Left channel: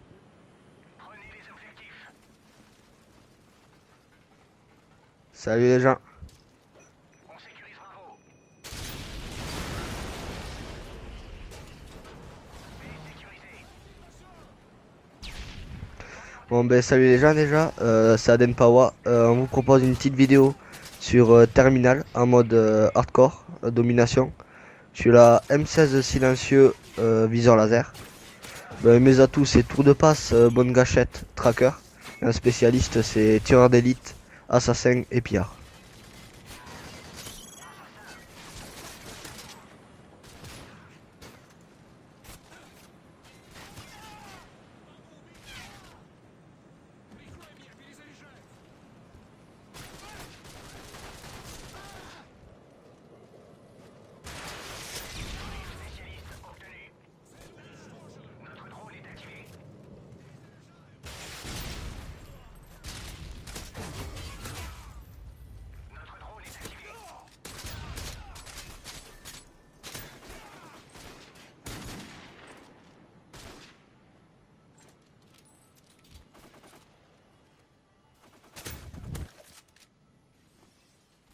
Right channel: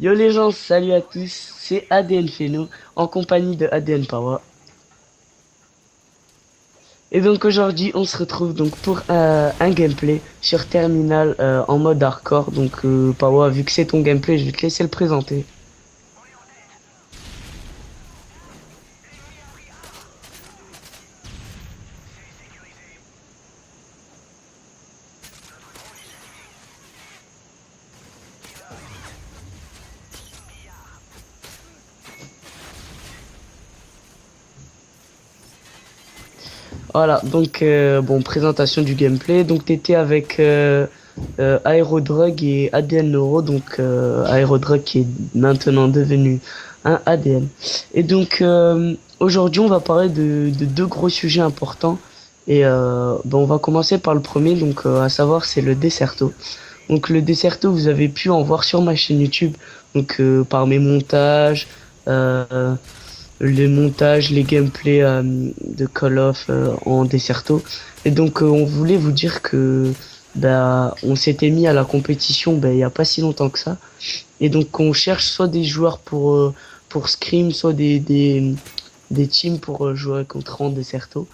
Yo les gens, salut à tous, c'est ADN Feno en compagnie de ADN Power. Salut les gens. Et donc aujourd'hui, on se retrouve donc pour un gameplay sur Terminal en mode hardcore. Donc Power, vu que c'est ton gameplay, je vais te laisser le présenter. Bon ben salut les gens déjà, c'est Aden Pawa. On vous propose une petite vidéo sur Terminal en mode hardcore, domination. Je suis la M16 silencieux viseur laser. Ben, mes atouts c'est tour de passe, bonne gâchette, tracker. Un spécialiste c'est tireur d'élite, assassin et pillard. Voilà, donc bon, présentation du gameplay. Donc t'étais avec Aerodrug et ADN Neuro, donc Aerodrug qui est maintenant devenu un ADN. Et donc aujourd'hui, on va parler de deux gros sujets importants. Et bon, on va commencer par le premier, donc à savoir c'est le Desserto. Donc le Desserto, vous avez pu en voir sur ma chaîne YouTube, donc par mes montages. euh, les montages, les gameplays de Call of en Desserto. Et donc on voulait vous dire que bah, on s'était mis à la compétition bah, il y a pas si longtemps que ça. Et donc on cherche soit des joueurs pour Scrim, soit des teams pour jouer contre en Desserto.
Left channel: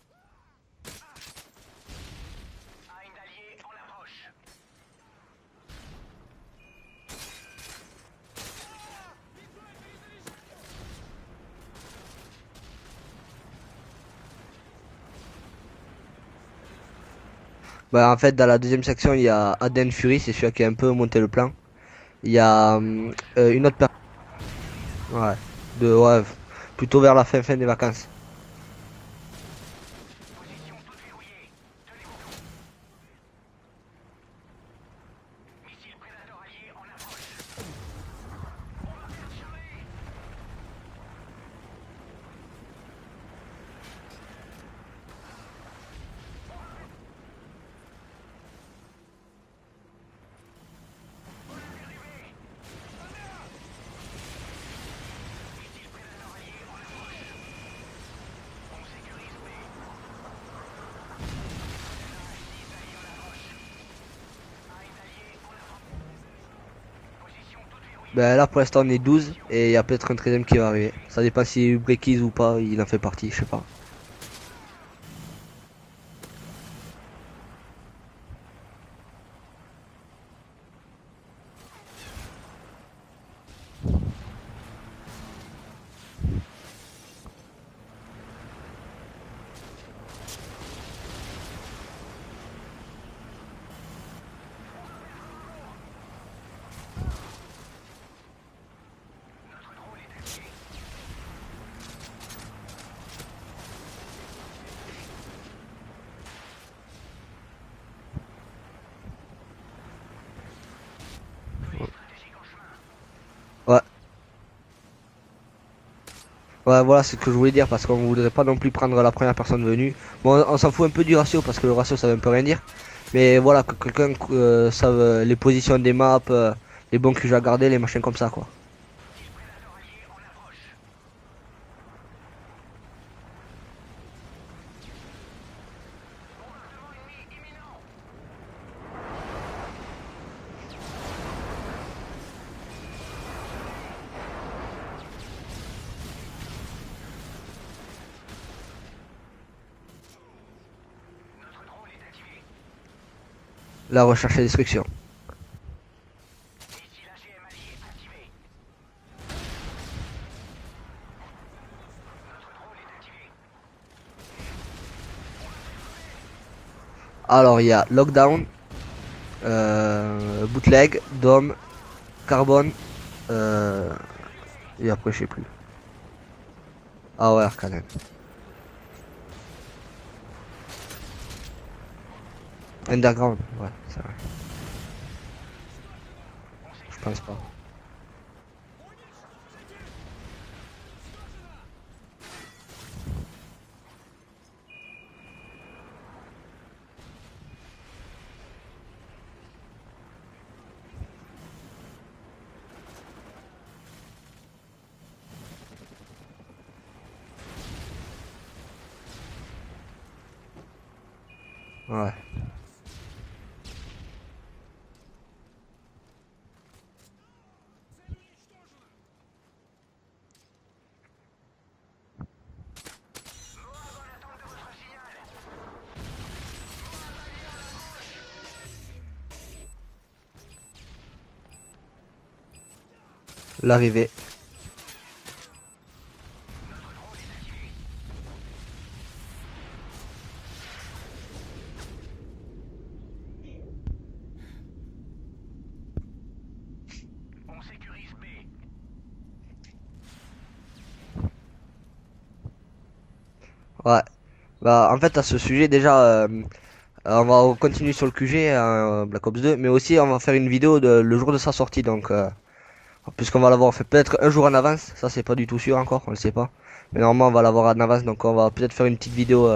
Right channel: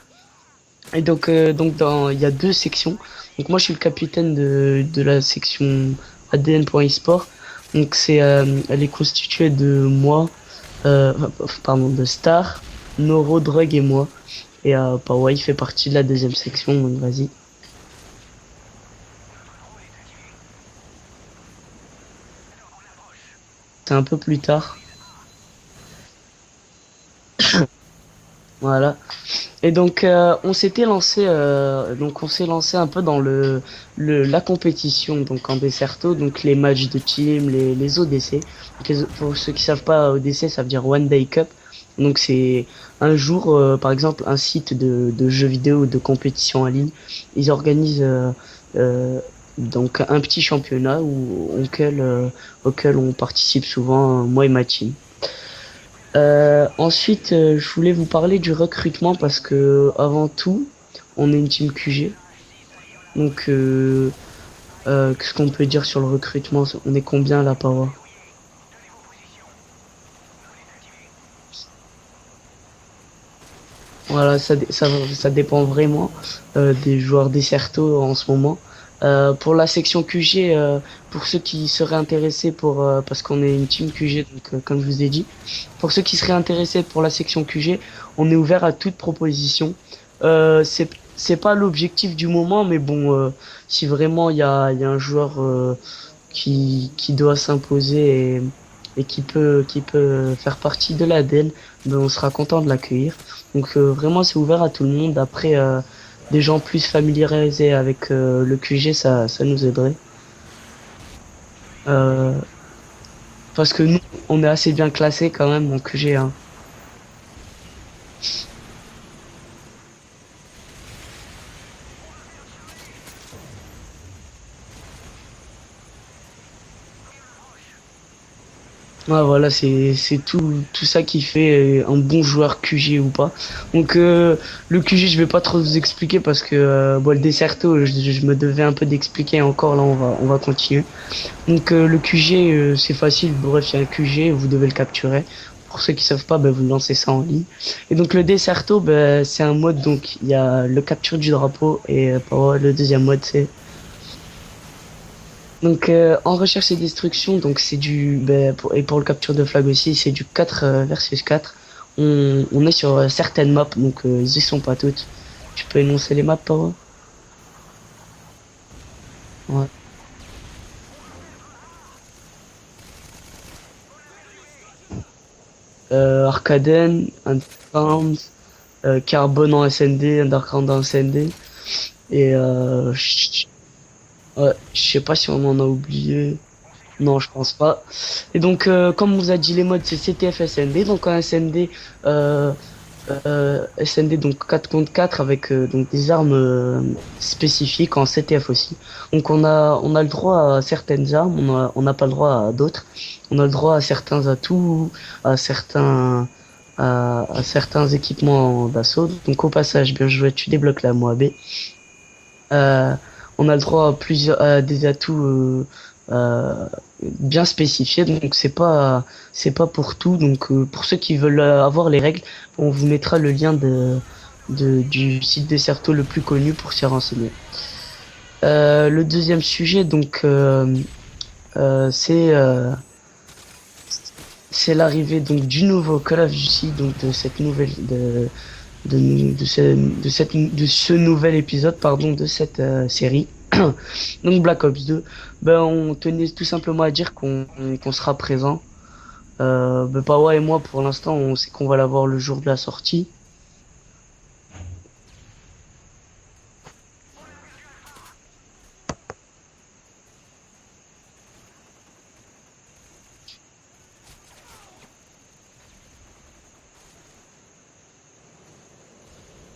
Et donc il y a deux sections. Donc moi je suis le capitaine de la section ADN.eSport. Donc elle est constituée de moi, pardon, de Star, Noro, Drug et moi. Et Pawai fait partie de la deuxième section, donc vas-y. Bah, en fait dans la deuxième section il y a Aden Fury, c'est celui qui a un peu monté le plan. Il y a une autre C'est personne. un peu plus tard. Ouais, ouais, plutôt vers la fin des vacances. Voilà. Et donc on s'est lancé un peu dans la compétition donc en Desserto, donc les matchs de team, les ODC. Pour ceux qui savent pas, ODC ça veut dire One Day Cup. Donc c'est un jour par exemple un site de jeux vidéo ou de compétition en ligne, ils organisent euh, donc un petit championnat auquel on participe souvent moi et ma team. Ensuite, je voulais vous parler du recrutement parce que avant tout, on est une team QG. Donc, qu'est-ce qu'on peut dire sur le recrutement? On est combien là, Power? Ben là pour l'instant on est 12 et il y a peut-être un treizième qui va arriver. Ça dépend si Breakies ou pas, il en fait partie, je sais pas. Voilà, ça dépend vraiment des joueurs Desserto en ce moment. Pour la section QG, pour ceux qui seraient intéressés parce qu'on est une team QG, donc comme je vous ai dit, pour ceux qui seraient intéressés pour la section QG, on est ouvert à toute proposition. C'est pas l'objectif du moment, mais bon, si vraiment il y a un joueur qui doit s'imposer et qui peut faire partie de l'ADN, ben on sera content de l'accueillir. Donc vraiment c'est ouvert à tout le monde. Après des gens plus familiarisés avec le QG, ça nous aiderait. Euh, parce Ouais, que nous on est assez bien classé quand même en QG, hein. ouais, voilà ce que je voulais dire parce qu'on voudrait pas non plus prendre la première personne venue. Bon, on s'en fout un peu du ratio parce que le ratio ça veut un peu rien dire. Mais voilà, que quelqu'un sache les positions des maps, les bons QG à garder, les machins comme ça quoi. Ouais, voilà, c'est tout ça qui fait un bon joueur QG ou pas. Donc le QG, je vais pas trop vous expliquer parce que bon, le Desserto, je me devais un peu d'expliquer encore là, on va continuer. Donc le QG, c'est facile, bref, il y a un QG, vous devez le capturer. Pour ceux qui savent pas, ben, vous lancez ça en ligne. Et donc le Desserto, ben, c'est un mode, donc il y a le capture du drapeau et le deuxième mode, c'est La recherche et destruction. donc en recherche et destruction, donc c'est et pour le capture de flag aussi, c'est du 4 versus 4. On est sur certaines maps, donc ils y sont pas toutes. Tu peux énoncer les maps, Paro? Alors il y a Lockdown, Ouais. Bootleg, Dome, Carbone, euh, et après je sais plus. Arcaden, Ah ouais, Arcane. Underground, Carbone en SND, Underground en SND. Et Underground, ouais, c'est vrai. ouais, je sais pas si on en a oublié. Je Non, pense je pas. pense pas. Et donc, comme on vous a dit, les modes, c'est CTF SND. Donc, en SND, SND, donc 4 contre 4 avec donc des armes spécifiques en CTF aussi. Donc, on a le droit à certaines armes, on n'a pas le droit à d'autres. On a le droit à certains atouts, à à certains équipements d'assaut. Donc, au passage, bien joué, tu débloques la Moab. Ouais. Euh, on a le droit à plusieurs à des atouts euh, bien spécifiées, donc c'est pas pour tout. Donc pour ceux qui veulent avoir les règles, on vous mettra le lien du site Desserto le plus connu pour s'y renseigner. Le deuxième sujet, donc, euh, c'est euh, L'arrivée. c'est l'arrivée donc du nouveau Call of Duty, donc de cette nouvelle de ce nouvel épisode pardon de cette série. Donc Black Ops 2. Ben on tenait tout simplement à dire qu'on sera présent. Ben Pawa et moi pour l'instant on sait qu'on va l'avoir le jour de la sortie. Ouais. Bah, en fait, à ce sujet, déjà, on va continuer sur le QG, Black Ops 2, mais aussi on va faire une vidéo le jour de sa sortie. Donc, puisqu'on va l'avoir fait peut-être un jour en avance, ça c'est pas du tout sûr encore, on le sait pas. Mais normalement, on va l'avoir en avance, donc on va peut-être faire une petite vidéo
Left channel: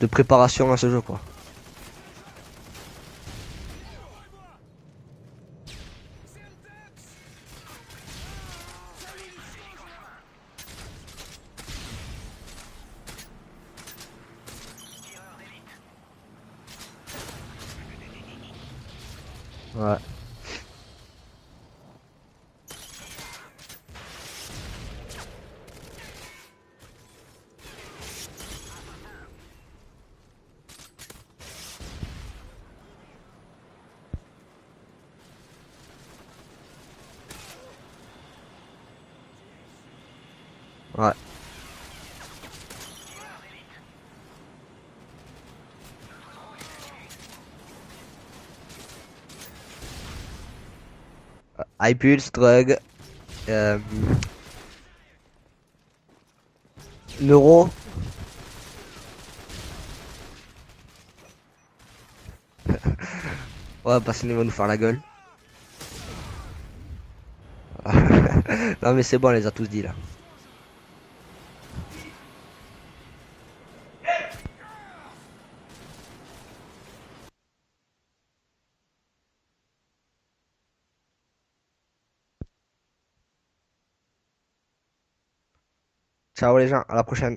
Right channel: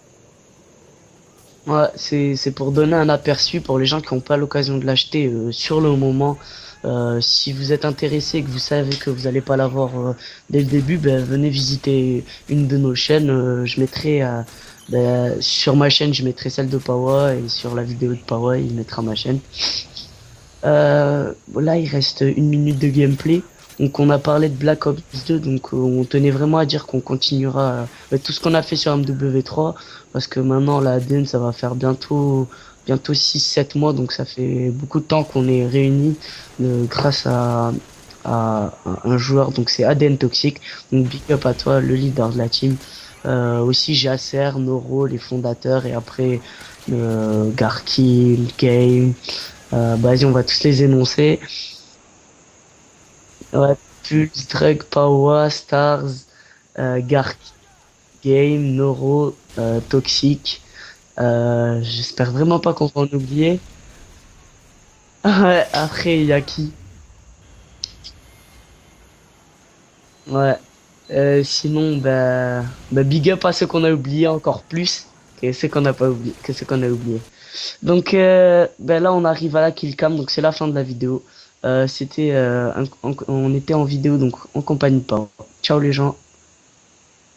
de préparation à ce jeu, quoi. Ouais, c'est pour donner un aperçu pour les gens qui n'ont pas l'occasion de l'acheter sur le moment. Si vous êtes intéressé et que vous savez que vous n'allez pas l'avoir dès le début, ben, venez visiter une de nos chaînes. Je mettrai sur ma chaîne, je mettrai celle de Pawa et sur la vidéo de Pawa, il mettra ma chaîne. Ouais. Là, il reste une minute de gameplay. Donc, on a parlé de Black Ops 2. Donc, on tenait vraiment à dire qu'on continuera tout ce qu'on a fait sur MW3. Parce que maintenant, la ADN, ça va faire bientôt 6-7 mois. Donc, ça fait beaucoup de temps qu'on est réunis grâce à un joueur. Donc, c'est ADN Toxic. Donc, Ouais. big up à toi, le leader de la team. Aussi, Jasser, Noro, les fondateurs. Et après, Garkill, Game. Bah, vas-y, on va tous les énoncer. iPulse, Drug, Ouais, euh, Pulse, Drug, Power, Stars, Gark, Neuro. Game, Neuro, Toxic. J'espère vraiment pas qu'on va en oublier. Ouais, parce qu'il va nous faire la gueule. Ouais, après, il y a qui? Non, mais c'est bon, on les a tous dit là. Ouais. Sinon, bah, big up à ceux qu'on a oubliés encore plus que ceux qu'on n'a pas oublié, que ceux qu'on a oubliés. Donc, ben là, on arrive à la kill cam, donc c'est la fin de la vidéo. On était en vidéo, donc en compagnie de Pau. Ciao les gens. Ciao les gens, à la prochaine.